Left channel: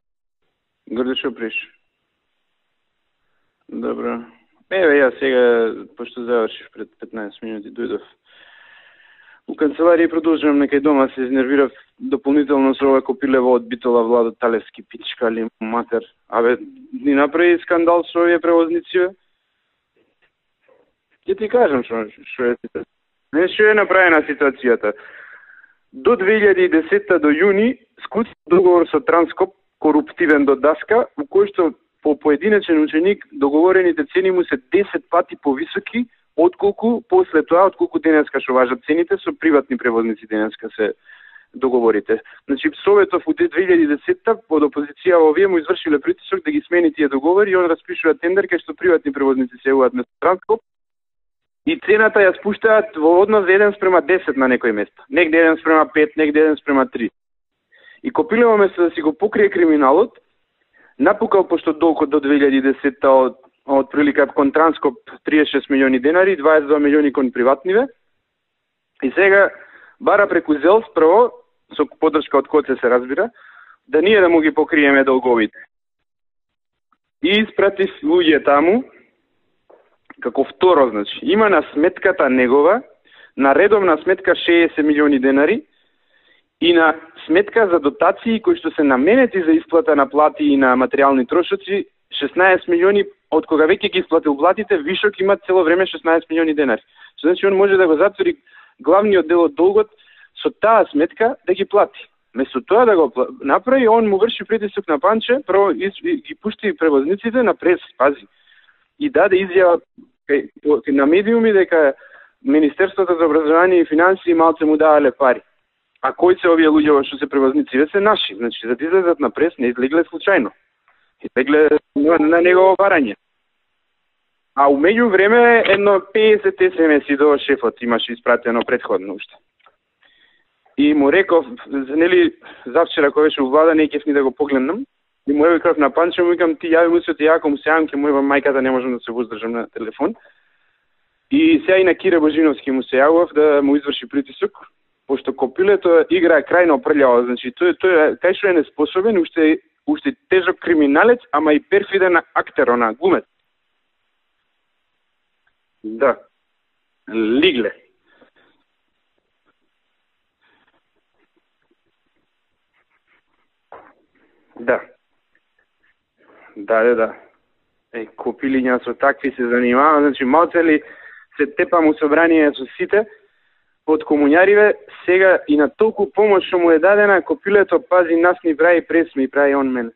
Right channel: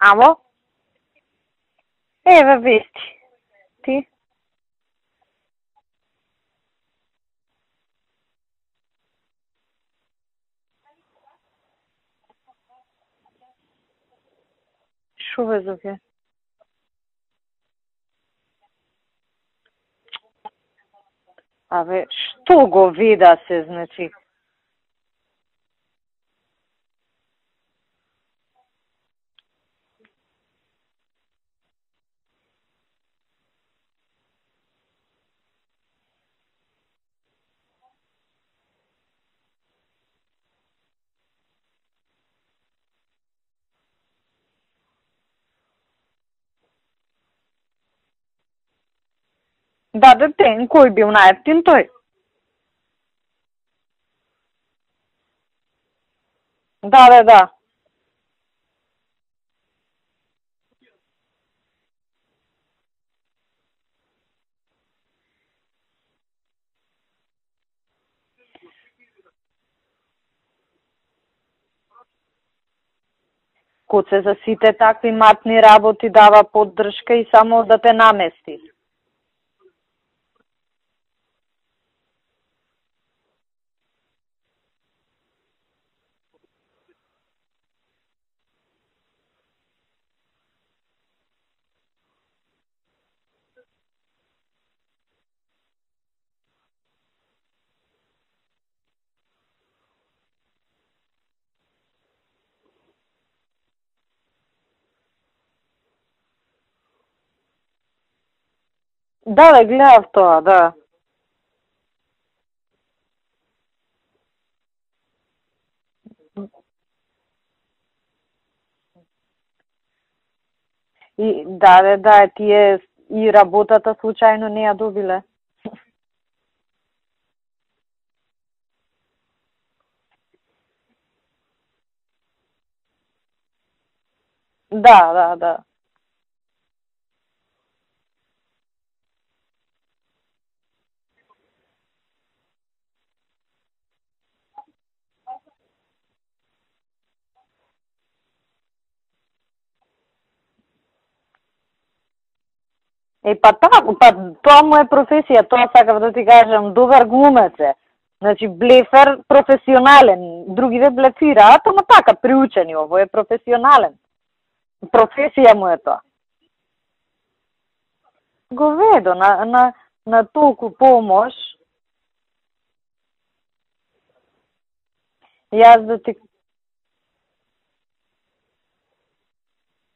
Ало? Горде што приш? Еве вести. Добро. Еве ја сега, пошто завршив пред 15 минути, дојдов у канцеларија и продолжувам некај дома, се изнервирав дополнително со ова копилево од Битола Владо Талевски пичкали матер. Абе, ни направи скандал со овие превозници, бе. Ќе ти кажам што го видате? Нешто е направена ситуацијата. До 2010 до јуни склучи договор со Транскоп, коруптивен до даска, у кој што по поединечен ученик договорените цени му се 10 пати повисоки отколку после тоа, отколку денеска што важат цените со приватни превозници денеска се договорите. Значи Советов у 2010 под опозиција овие му извршиле притисок да ги смени тие договори и он распишува тендер кај што приватни превозници се јавуваат на Транспорт. Да, кој бил најевтин тој? Цената ја спуштаат во однос 1:10 на некој место. Негде 1:5, негде 1:3. Да. И Копилево место да си го покрие криминалот, напукал пошто долгот до 2010 од прилика кон Транскоп 36 милиони денари, 22 милиони кон приватниве. И сега бара преку ЗЕЛС прво, со поддршка од Коце се разбира, да ние да му ги покриеме долговите. Матни работи дава поддршка и само да те намери. И таму, како второ, значи, има на сметката негова, на редовна сметка 60 милиони денари, и на сметка за дотации кои што се наменети за исплата на плати и на материјални трошоци 16 милиони, од кога веќе ги исплатил платите, вишок има цело време 16 милиони денари. Значи он може да го затвори главниот дел од долгот со таа сметка да ги плати. Место тоа да го направи, он му врши притисок на Панче, прво ги пушти превозниците на прес, пази. И гледав тоа, да. На медиуми дека Министерството за образование и финансии малце му давале пари. А кои се овие луѓе што се превозници? Се наши. Значи, за да излезат на прес, не излегле случајно. На негово барање. И работата случајно не е. А меѓу време едно 50 СМС-и до шефот имаше испратено предходно уште. И му реков, нели, завчера кој беше у влада, не ќе да го погледнам. Да. И му реков на Панче, му викам, ти јави му се, ако му се јавам, ќе му јавам мајката, не можам да се воздржам на телефон. И сега и на Кире Божиновски му се јавав да му изврши притисок, пошто Копилето играе крајно прљаво, значи тој кај што е неспособен, уште тежок криминалец, ама и перфиден актер, она глумец. Тоа му е професија, тоа сакав да ти кажам, добар глумец. Значи блефер професионален, другиве блефираат, ама така приучени, ово е професионален. Да. Професија му е тоа. Да. Копилиња со такви се занимава, значи малце ли се тепа му собрание со сите од комуњариве, сега и на толку помош што му е дадена, Копилето пази нас ни прави прес, ми прави он мене.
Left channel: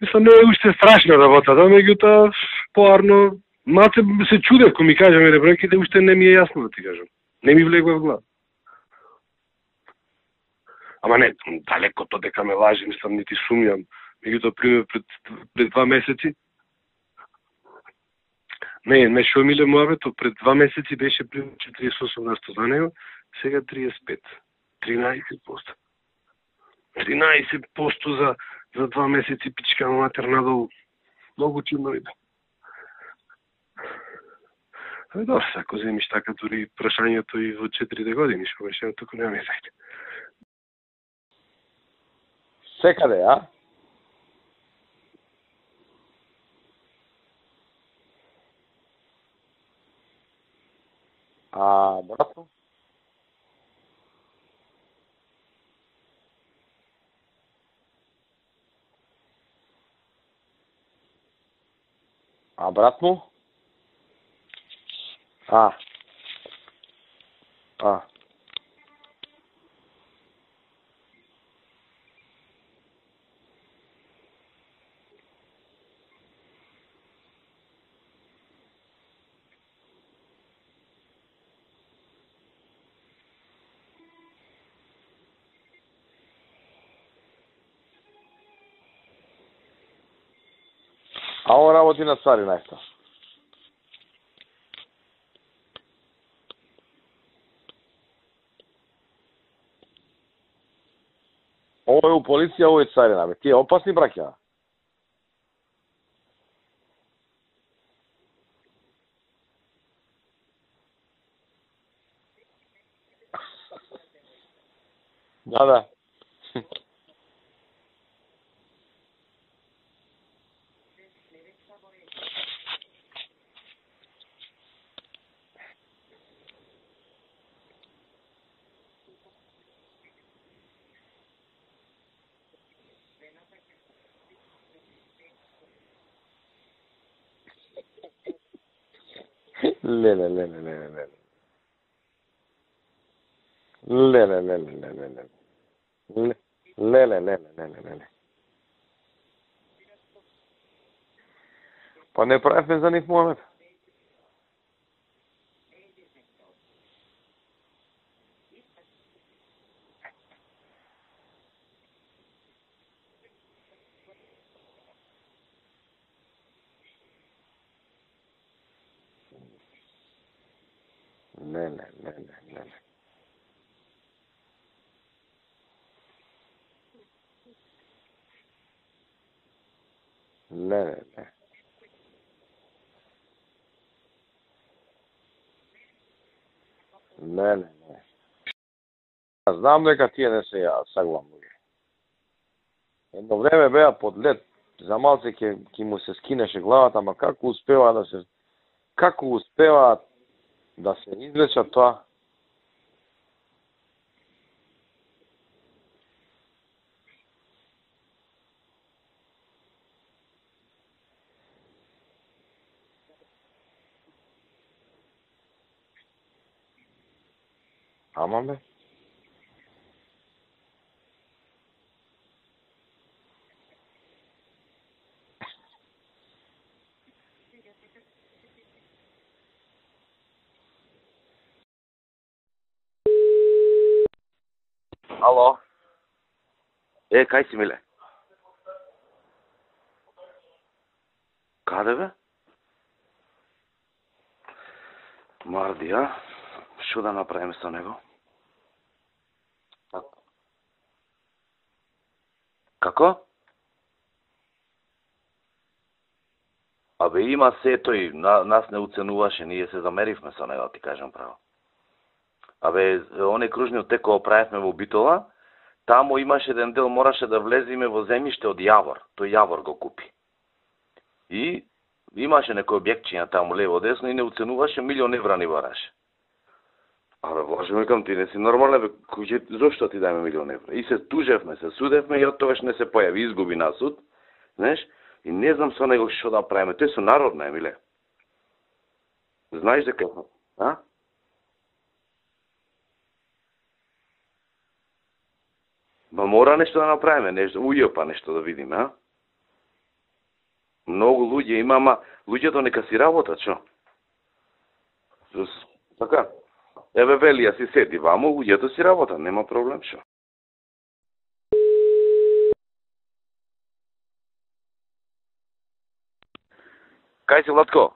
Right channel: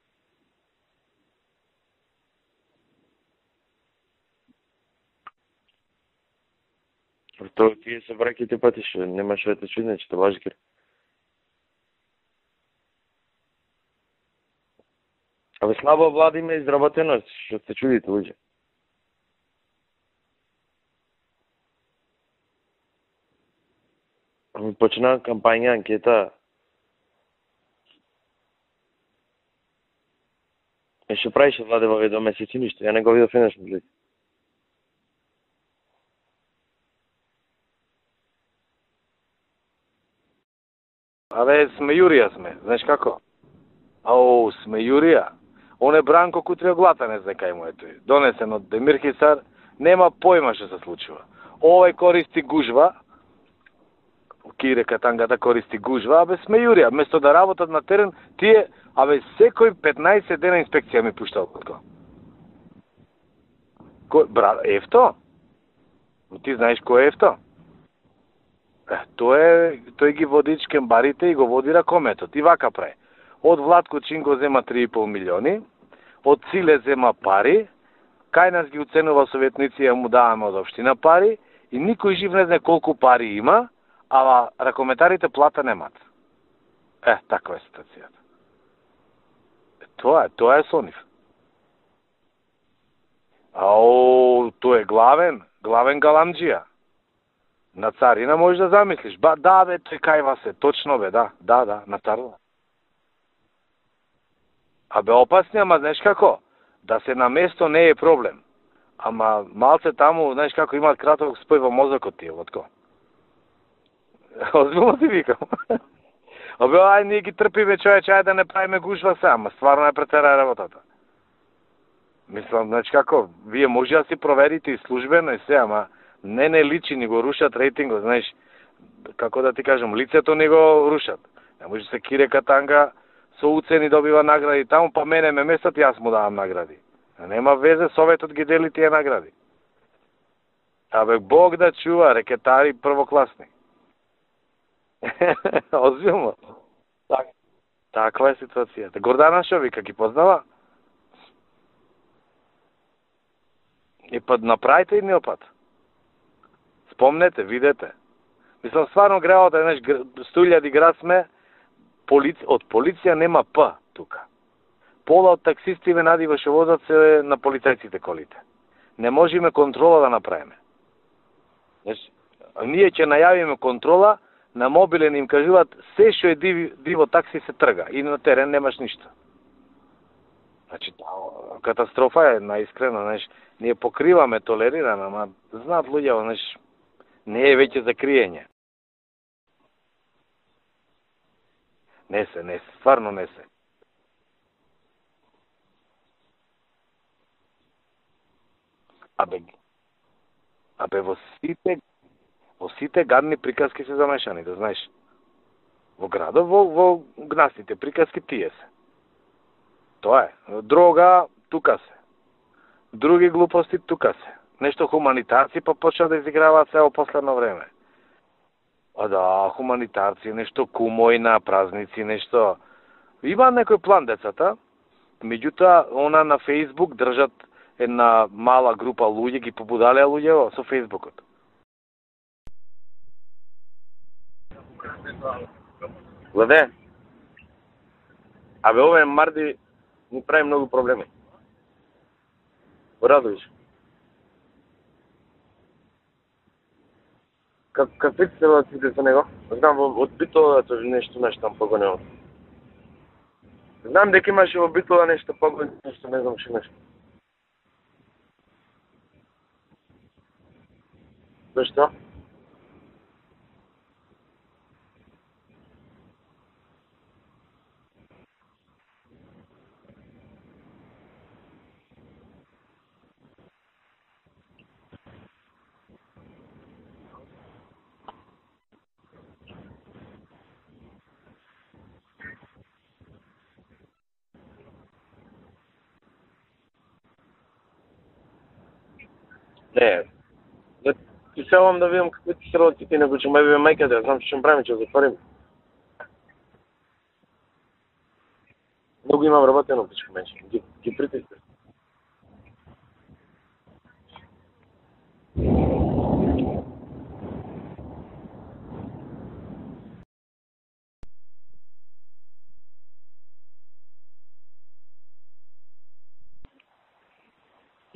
Мислам, не е уште страшна работата, меѓутоа, поарно, малце се чудев, кој ми кажа мене бројките, уште не ми е јасно да ти кажам. Не ми влегува в глава. Бројките пати што немаш да те чудне, че те лажи. Ама не, далеко то дека ме лажи, мислам, нити сумјам. Меѓутоа, пример, пред 2 месеци... Слабо влади ме изработено, што се чудите, луѓе. Не шо миле муавето, пред 2 месеци беше пример 48% за него, сега 35. Почина кампања, анкета. 13% за 2 месеци пичка матер надолу. Што правиш владе во 2 месеци ништо? Ја не го видов еднаш на лице. Добро, ако земиш така дури прашањето и во 4 години, што беше, туку нема мезајте. Абе, сме Јурија сме. Знаеш како? Ау, сме Јурија. Он е Бранко Кутриоглата, не знае кај му е тој. Донесен од Демир Хисар, нема појма што се случува. Овој користи гужва, Кире Катангата користи гужва, абе сме Јурија. Место да работат на терен, тие, абе секој 15 дена инспекција ми пуштал код. А брат му? Ефто? Ти знаеш кој е Ефто? Тој ги води чкембарите и го води ракометот. И вака прави. Од Владко Чинго зема 3,5 милиони, од Циле зема пари, кај нас ги уценува советници, ја му даваме од општина пари, и никој жив не знае колку пари има, ама ракометарите плата немат. Таква е ситуацијата. Тоа е со нив. А он работи на Цари најста? Тој е главен галамџија. На Царина можеш да замислиш. Да, бе, тој кајва се, точно бе, да. Ово е у полиција, ово е Царина, бе. Тие опасни браќа? Абе, опасни, ама знаеш како? Да се на место не е проблем. Ама малце таму, знаеш како, имаат краток спој во мозокот тие, отко. Озбилно ти викам. Да. Абе, ај ние ги трпиме човече, ај да не правиме гушва сама, стварно е претера работата. Мислам, значи како, вие може да си проверите и службено и се, ама не личи, ни го рушат рейтингот, знаеш, како да ти кажам, лицето ни го рушат. Не може се Кире Катанга со уцени добива награди таму, па мене ме местат, јас му давам награди. Нема везе, Советот ги дели тие награди. Не. Абе, Бог да чува, рекетари првокласни. Не. Озбилно? Не. Таква е ситуацијата. Гордана шо вика, ги познава? Па не правевме за нив момент. И па направите едниот пат. Спомнете, видете. Мислам, стварно греот е, знаеш, 100.000 град сме, од полиција нема П тука. Пола од таксисти надива што возат се на полицајците колите. Не можеме контрола да направиме. Не. Ние ќе најавиме контрола, на мобилен им кажуваат се што е диво такси се трга и на терен немаш ништо. Не. Катастрофа е, наискрено, знаеш, ние покриваме, толерираме, ама знаат луѓето, знаеш, не е веќе за криење. Знам дека тие не се саглам. Не се, стварно не се. Во време беа под лед, за малце ќе му се скинеше главата, ама како успева да се... Како успева да се извлечат тоа? Во сите гадни приказки се замешани, да знаеш. Во градот, во гнасните приказки тие се. Тоа е. Дрога, тука се. Други глупости, тука се. Нешто хуманитарци па почна да изиграваат се во последно време. Ама бе? А да, хуманитарци, нешто кумојна, празници, нешто... Има некој план децата, меѓутоа, она на Фейсбук држат една мала група луѓе, ги побудалеа луѓе со Фейсбукот. Ало. Леве, кај си, миле? Абе, ове Марди ни прави многу проблеми. Каде бе? Во Радовиш. Марди, а? Шо да направиме со него? Какви се релациите со него? Знам, од Битола нешто там погонено. Како? Знам дека имаше во Битола нешто погонено, нешто не знам што нешто. Абе, има се тој, нас не уценуваше, ние се замеривме со него, ти кажам право. Зашто? Абе, оне кружниот тек кој правевме во Битола, таму имаше еден дел, мораше да влеземе во земјиште од Јавор. Тој Јавор го купи. И имаше некој објектчиња таму лево десно и не уценуваше, €1.000.000 ни бараше. Абе, Боже, викам, ти не си нормален, бе, зошто ти дајме €1.000.000? И се тужевме, се судевме и од тогаш не се појави, изгуби на суд, знаеш, и не знам со него што да правиме, тој со народна, Емиле. Знаеш како? А? Ти сеам да видам какви ти се релациите, него ќе ме мајка да знам што ќе правиме, ќе затвориме. Ма мора нешто да направиме, нешто, па нешто да видиме, а? Многу имам работено, пичко менше. Многу луѓе има, ама луѓето нека си работат, шо? Така. Еве Велија си седи ваму, луѓето си работат, нема проблем, шо? Кај си, Владко?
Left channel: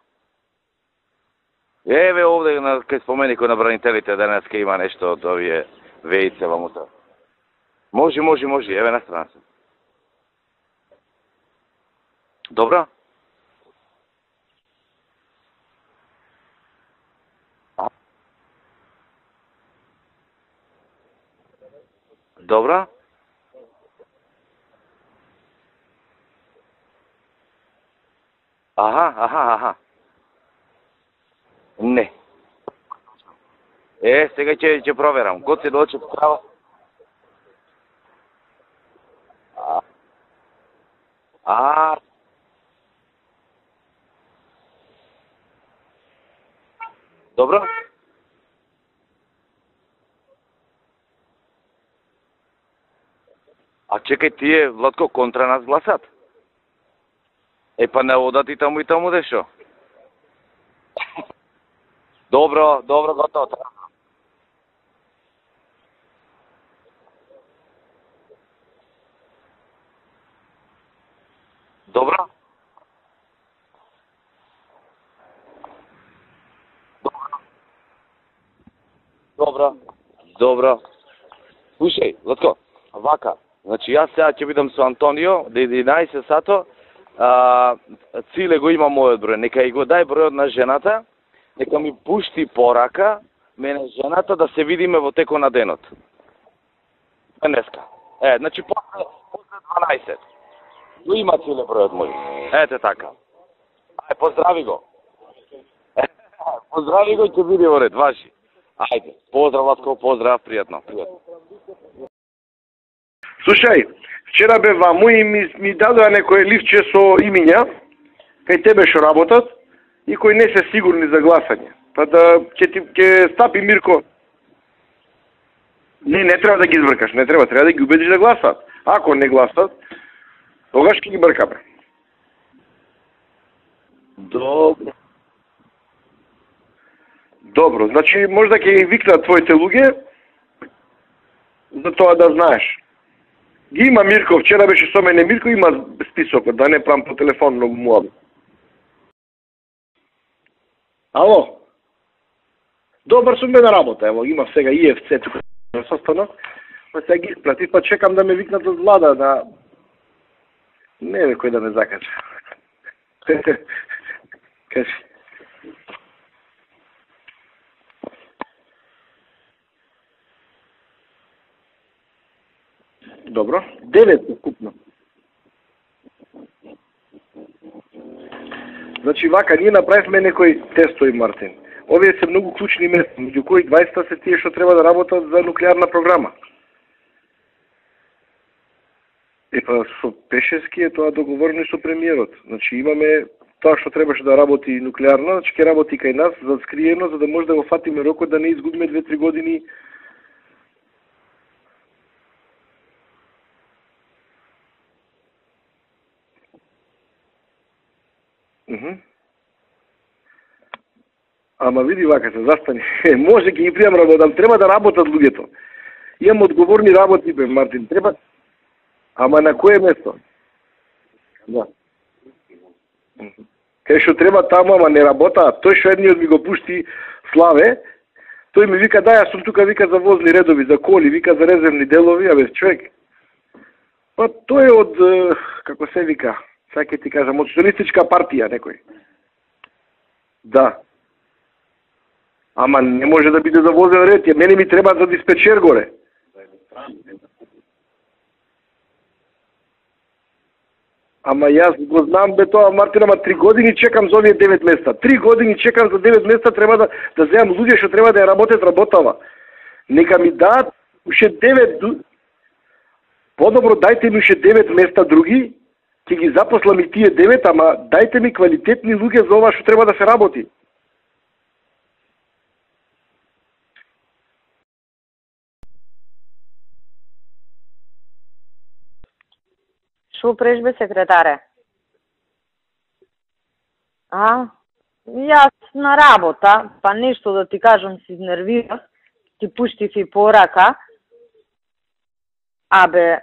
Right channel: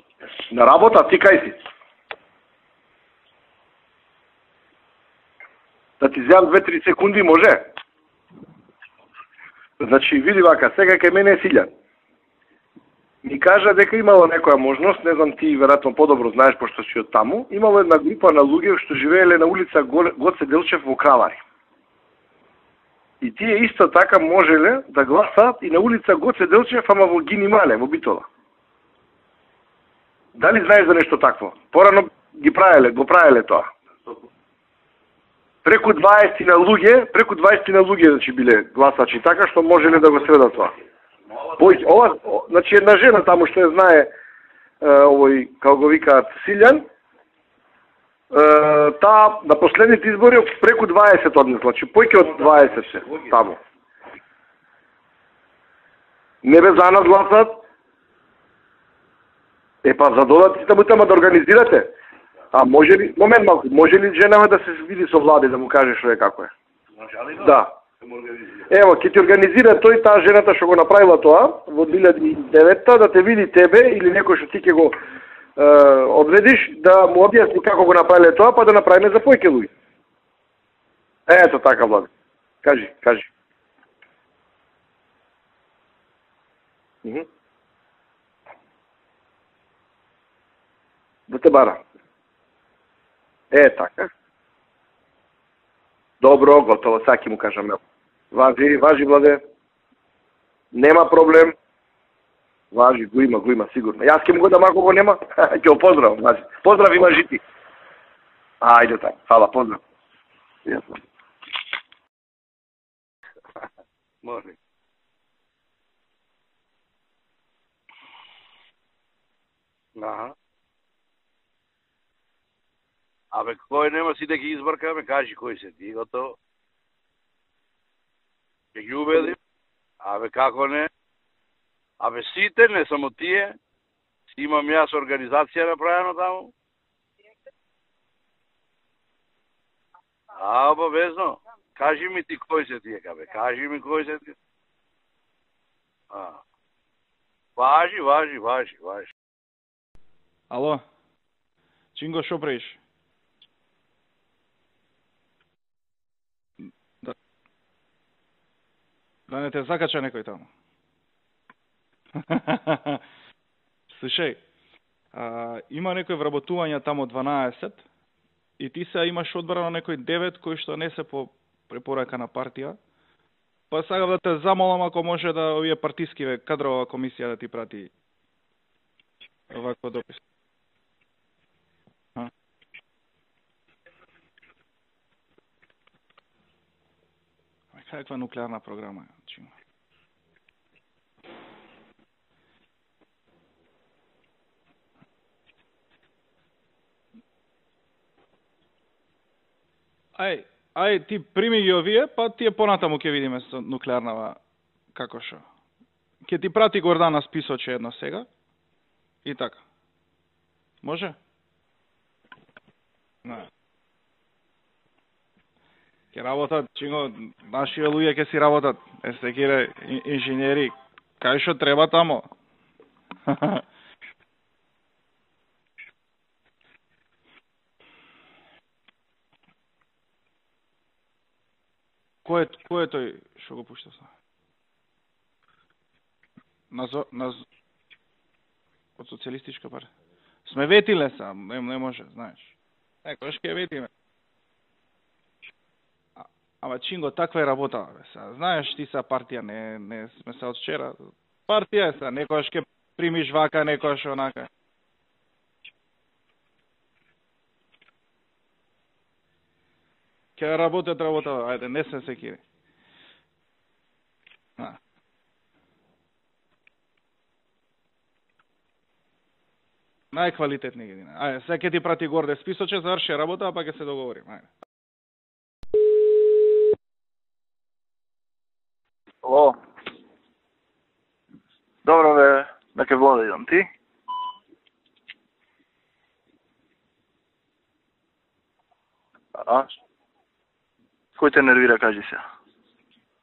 На работа, ти кај си? Еве овде, кај споменико на бранителите, денеска има нешто од овие... Да ти дам 2-3 секунди, може? Може, еве на страна си. Значи, види вака, сега кај мене е Силјан. Добра? Ми кажа дека имало некоја можност, не знам ти веројатно подобро знаеш пошто си од таму, имало една група на луѓе што живееле на улица Гоце Делчев во Кралари. Добра? И тие исто така можеле да гласаат и на улица Гоце Делчев, ама во Гини Мале, во Битола. Аха. Дали знаеш за нешто такво? Порано го правеле тоа. Сега ќе проверам. Преку 20 на луѓе значи биле гласачи така што можеле да го средат тоа. Ова, значи една жена таму што ја знае овој, како го викаат, Силјан. Добро. Таа на последните избори преку 20 однес, значи поќе од 20 се таму. А чекај, тие, Владко, контра нас гласат? Не бе за нас гласат. Па не одат и таму дешо? Па за додат и таму да организирате. Добро, може ли женава да се види со Влади, да му каже што е како е? Да. Ево, ќе ти организира тој таа жената што го направила тоа во 2009-та, да те види тебе или некој што ти ќе го одредиш, да му објасни како го направиле тоа, па да направиме за појќе луѓе. Добро. Ето така, Слушај, Латко, кажи. Значи, јас сега ќе бидам со Антонио, до 11 сато, Циле го има мојот број, нека и го дај бројот на жената, нека ми пушти порака, на жената да се видиме во текот на денот. Добро, готово, сега ќе му кажам. Важи, Владе. 12. Нема проблем. Ете, Важи, го има, сигурно. Јас ќе му дам ако го нема. Ќе го поздравам, значи. Поздрави на жити. Видео ред, ваши. Ајде така. Фала. Поздрав, пријатно. Слушај, вчера бе ваму и ми дадоа некој ливче со имиња кај тебе што работат и кои не се сигурни за гласање. Па да ќе стапи Мирко. Нема си да ги избркаме, кажи кои се ти. Не треба да ги избркаш, не треба да ги убедиш да гласат. Ако не гласат, абе како не? тогаш ќе ги бркаме. Абе сите, не само тие. Имам јас организација направена таму. Добро, значи може да ќе ги викнат твоите луѓе. Обавезно. За тоа да знаеш. Има Мирко, вчера беше со мене Мирко, има списокот, да не прам по телефон на муам. Важи. Ало? Ало? Чинго, шо правиш? Добар сум бе на работа, ево, има сега ИФЦ тука на состанок. Па сега ги испрати, па чекам да ме викнат од влада, да... Не те закача некој таму? Не, некој да ме закача. Слушај, Кажи. Има некој вработување таму 12 и ти се имаш одбрано некој 9 кои што не се по препорака на партија. Добро. Па сега те замолам ако може да овие партиски кадрова комисија да ти прати. Значи вака, ние направивме некои тестови, Мартин. Овие се многу клучни места, меѓу кои 20 се тие што треба да работат за нуклеарна програма. Каква нуклеарна програма? Па со Пешевски е тоа договорено и со премиерот. Значи имаме тоа што требаше да работи нуклеарна, значи ќе работи кај нас за скриено, за да може да го фатиме рокот да не изгубиме 2-3 години. Ај, ти прими ги овие, па тие понатаму ќе видиме со нуклеарнава како шо. Ќе ти прати Гордана списоче едно сега. И така. Може? Ама види вака се застани. Може ќе ги пријам работам, треба да работат луѓето. Имам одговорни работи бе, Мартин. Луѓе ќе си работат. Ама на кое место? Инженери. Кај што треба таму? Кај што треба таму, ама не работаат. Тој што едниот ми го пушти Славе, тој ми вика да, јас сум тука, вика за возни редови, за коли, вика за резервни делови, абе човек. Кој е тој што го пушта? Па тој од како се вика? Сега ќе ти кажам, од социјалистичка партија некој. Од социјалистичка партија. Да. Ветиле са, не може, знаеш. Ама не може да биде за возен ред, мене ми треба за диспечер горе. Ама Чинго, таква е работа, бе. Знаеш, ти са партија, не сме се од вчера. Ама јас го знам бе тоа, Мартин, ама 3 години чекам за овие 9 места. 3 години чекам за 9 места, треба да земам луѓе што треба да ја работат работава. Нека ми дадат уште 9. Подобро дайте ми уште 9 места други. Ќе ги запослам и тие 9, ама дајте ми квалитетни луѓе за ова што треба да се работи. Квалитетни ги. Ајде, сега ќе ти прати горде списоче, заврши работа, па ќе се договорим. Ајде. Ало. Шо преш бе, секретаре? Добро бе, дека Влада идам ти? Јас на работа, па нешто да ти кажам се изнервирав, ти пуштив и порака. Кој те нервира, кажи се? Абе,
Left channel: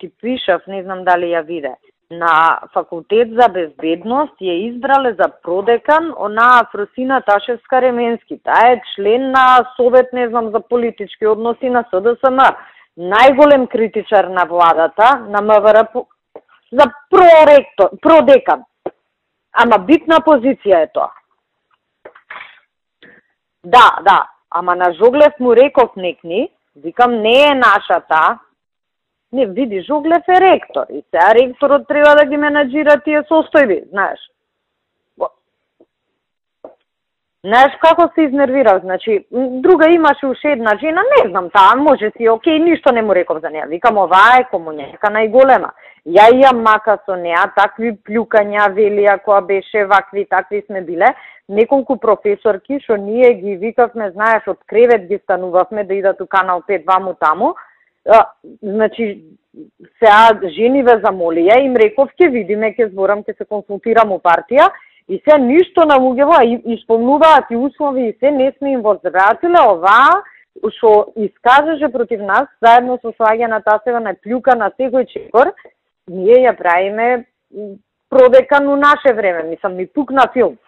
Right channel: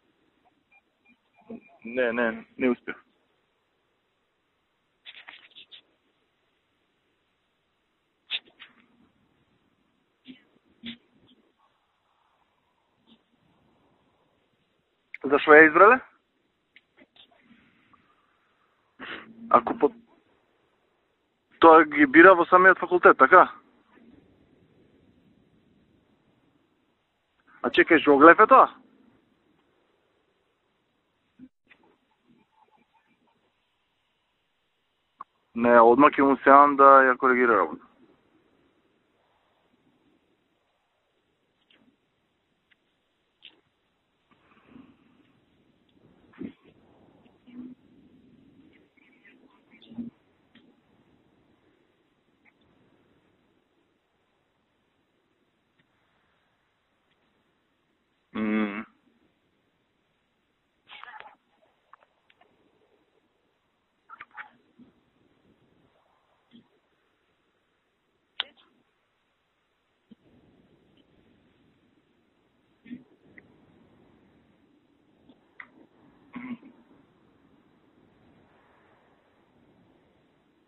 ти пишав, не знам дали ја виде. На факултет за безбедност ја избрале за продекан она Фросина Ташевска Ременски. Таа е член на Совет, не знам, за политички односи на СДСМ. Најголем критичар на владата, на МВР, за продекан. Ама битна позиција е тоа. Тоа ги бира во самиот факултет, така? Да. Ама на Жоглев му реков некни, викам, не е нашата. Жоглев е тоа? Не, види, Жоглев е ректор. И сега ректорот треба да ги менаџира тие состојби, знаеш. Не, одма ќе му сеам да ја коригирам. Знаеш како се изнервирав, значи, друга имаше уште една жена, не знам, таа може си, окей, ништо не му реков за неја. Викам, оваа е комуњерка најголема. Ја имам мака со неа, такви плюкања, велија, која беше, вакви, такви сме биле. Неколку професорки, што ние ги викавме, знаеш, од кревет ги станувавме да идат у Канал 5 ваму таму. Значи, сега жени ве замолија, им реков, ќе видиме, ќе зборам, ќе се консултирам у партија. И се ништо на луѓево, исполнуваат и услови и се, не сме им возвратиле оваа, што искажеше против нас, заедно со Слагена Тасева на плюка на секој чекор, ние ја правиме продекан у наше време, мислам, ми пукна филм.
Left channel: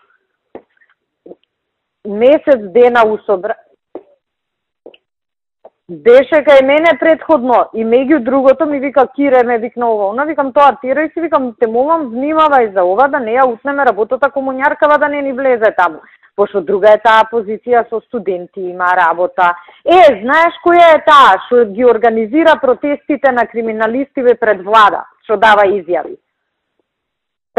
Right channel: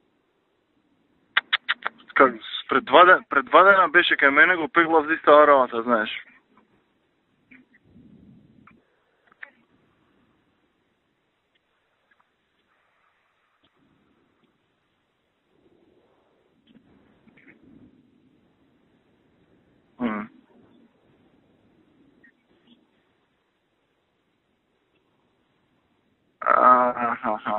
Месец дена у собрание. Предпадена беше кај мене, го пеглав за иста работа, знаеш. Беше кај мене предходно и меѓу другото ми вика Кире, ме викна ова. Викам тоа тирај си, викам те молам внимавај за ова да не ја утнеме работата комуњаркава да не ни влезе таму. пошто друга е таа позиција со студенти, има работа. Знаеш која е таа што ги организира протестите на криминалистиве пред влада, што дава изјави?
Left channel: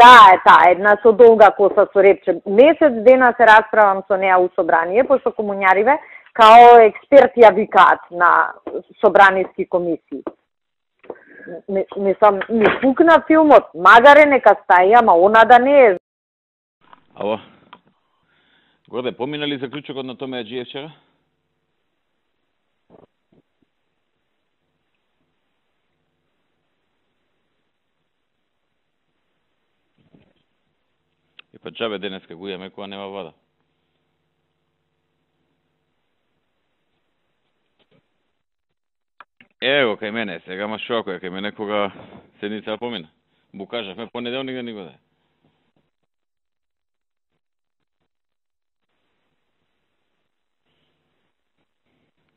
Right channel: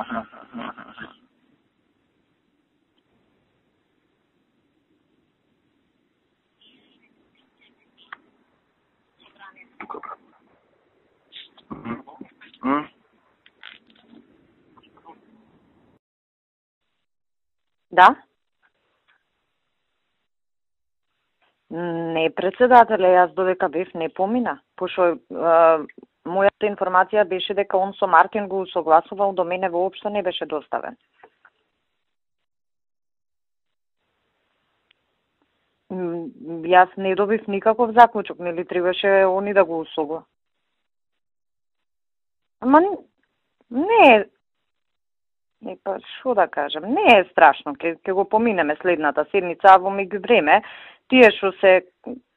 Таа една со долга коса со репче. Месец дена се расправам со неа у собрание, пошто комуњариве као експерти ја викаат на собраниски комисии. Мислам, ми пукна филмот, магаре нека стаи, ама она да не е. Ало? Да? Горде, помина ли заклучокот на Томе Аџиев вчера? Не, председателе, јас додека бев не помина, пошто мојата информација беше дека он со Мартин го согласувал, до мене воопшто не беше доставен. И па џабе денеска го имаме кога нема вода. Јас не добив никаков заклучок, нели требаше они да го Ево, кај мене, сега ма шо ако е кај мене кога седница помина. Букаже понеделник да ни го даде. Не, па шо да кажам, не е страшно, ќе го поминеме следната седница, во меѓувреме, тие што се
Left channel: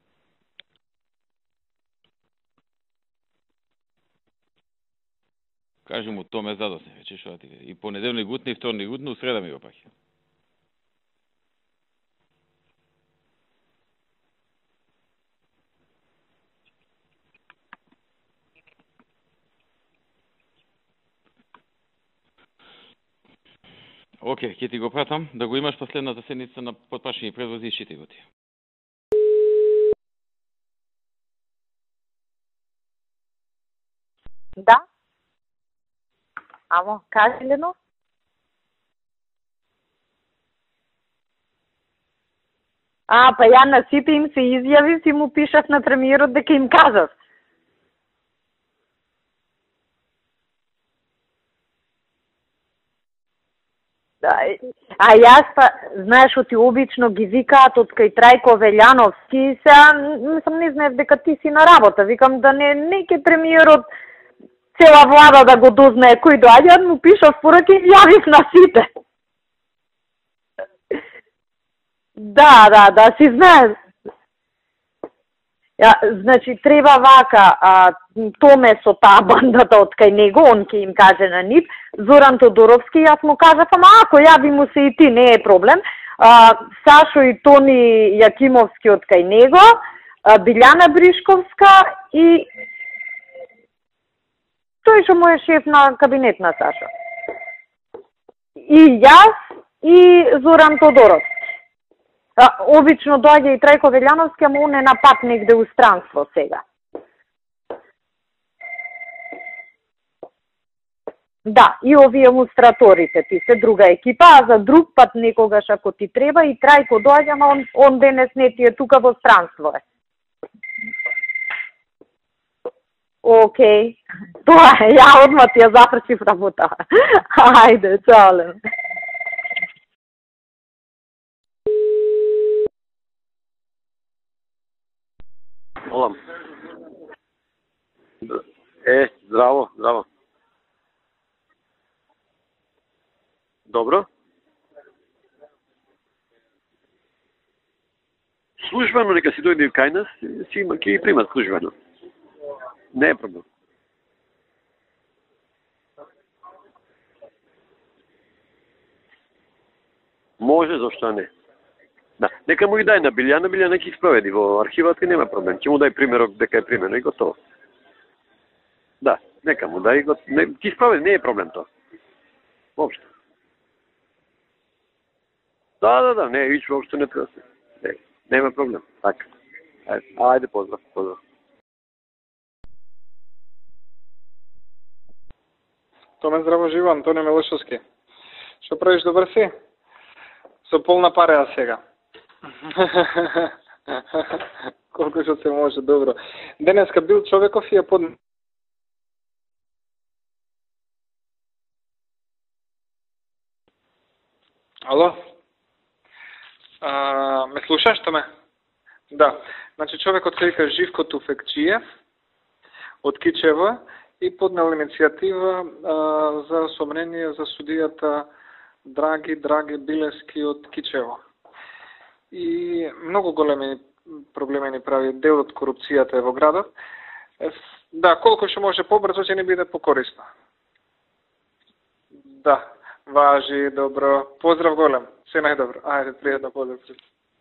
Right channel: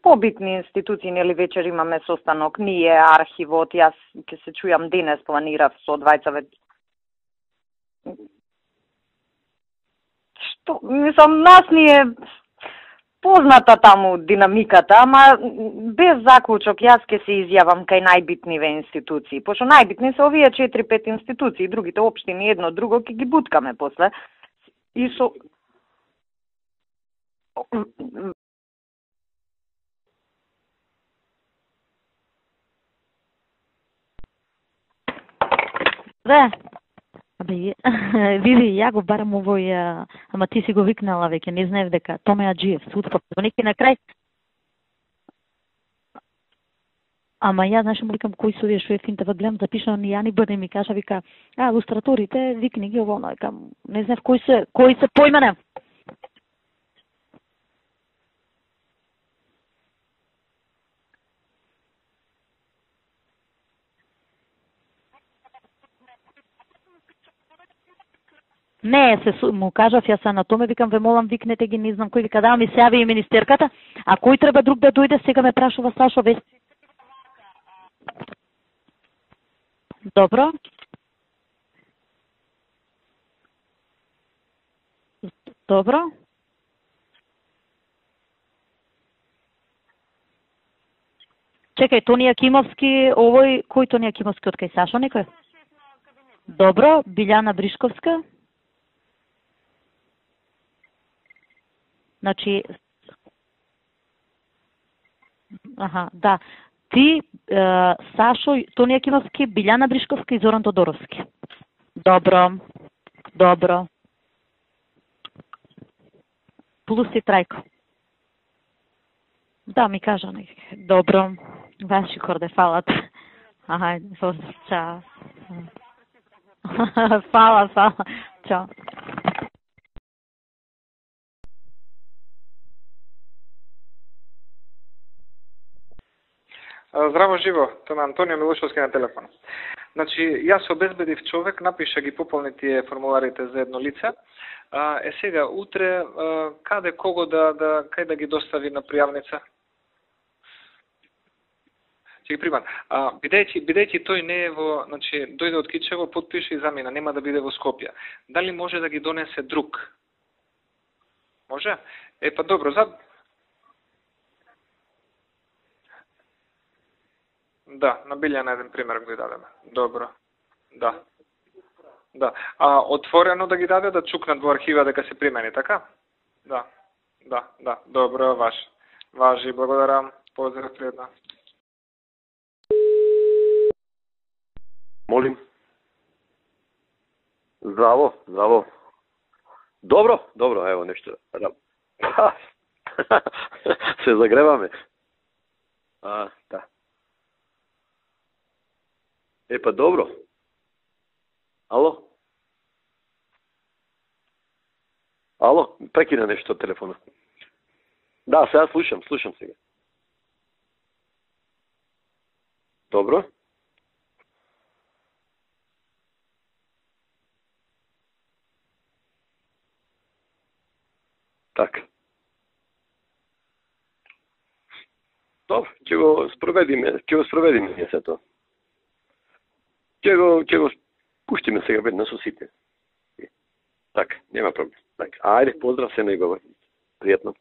побитни институции, нели вечер имаме состанок, ние, архивот, јас ќе се чујам денес, планирав со двајца. Кажи му, ме задосне, вече шо да ти кажа. И понеделник утне, и вторник утне, у среда ми го паќе. Што, мислам, нас ни е позната таму динамиката, ама без заклучок јас ќе се изјавам кај најбитниве институции. Пошто најбитни се овие 4-5 институции, другите општини едно друго ќе ги буткаме после. Океј, ќе ти го пратам да го имаш последната седница на потпашни предводи ти го. Да? Да. Ало, кажи ли? Види, ја го барам овој, ама ти си го викнала веќе, не знаев дека Томе Аџиев. Па ја на сите им се изјави, си му пишав на премиерот дека им кажав. Ама ја, знаеш, му викам, кои се овие што е финта, гледам да пишам, ни ја ни бъде, ми кажа, вика, лустраторите, викни ги ово, викам, не знаев кои се јас, знаеш, оти обично ги викаат од кај Трајко Велјановски, сега, не знаев дека ти си на работа, викам да не ќе премиерот цела влада да го дознае кој доаѓа, му пишав пораки и јавив на сите. Не, му кажав јас на Томе, викам, ве молам, викнете ги, не знам кој вика. Да, си знаеш. А кој треба друг да дојде, сега ме прашува кај што значи треба вака, Томе со таа бандата од кај него, он ќе им каже на нив, Зоран Тодоровски, јас му кажав, ама ако јави му се и ти, не е проблем. Сашо и Тони Јакимовски од кај него, Билјана Бришковска. Чекај, Тони Јакимовски, овој, кој Тони Јакимовски од кај Сашо? Тој што му е шеф на кабинет на Сашо. Добро, Билјана Бришковска. И јас, и Зоран Тодоровски. Значи, обично доаѓа и Трајко Велјановски, ама он е на пат негде у странство сега. Ти, Сашо, Тони Јакимовски, Билјана Бришковска и Зоран Тодоровски. Да, и овие илустраторите, ти се друга екипа, а за друг пат некогаш ако ти треба и Трајко доаѓа, ама он денес не ти е тука во странство. Да, ми кажа некако. Добро, ваши корде, фалат. Океј, тоа е, ја одма ти ја запршив работа. Ајде, чао. Олам. Здраво живо, тоа е Антонио Милошовски на телефон. Здраво. Значи, јас обезбедив човек, напиша ги пополни тие формуларите за едно лице. Сега, утре, каде, кого кај да ги достави? Службено, нека си дојде кај нас, ќе ги примат службено. Ќе ги примат. Бидејќи тој не е во, значи, дојде од Кичево, подпише и замина, нема да биде во Скопје. Дали може да ги донесе друг? Може, зашто не? Може? Нека му ги дај на Билјана, Билјана ќе спроведи во архивата и нема проблем. Ќе му дај примерок дека е примено и готово. Да, на Билјана еден пример да, дадем. Нека му дај, ќе спроведи, не е проблем тоа. Да. Отворено да ги даде да чукнат во архива дека се примени, така? Да, не, вич воопшто не треба. Да, добро. Нема проблем. Важи, благодарам. Ајде, поздрав. Молим. Томе, здраво живо, Антонио Милошовски. Здраво. Што правиш, добар си? Добро. Со полна пареа сега. Се загреваме. Колку што се може, добро. Денеска бил човеков и ја под... Па добро. Ало? Прекина нешто телефон. Ме слушаш, Томе? Да, сега слушам. Да. Значи човекот се вика Живко Туфекчиев. Добро. Од Кичево и поднел иницијатива за сомнение за судијата Драги Билески од Кичево. Така. И многу големи проблеми ни прави дел од корупцијата во градот. Ќе го спроведиме. Да, колку што може побрзо ќе ни биде покорисно. Ќе го пуштиме сега веднаш со сите. Да. Važi, dobro. Pozdrav golem. Ajde, pozdrav se njegov. Prijetno.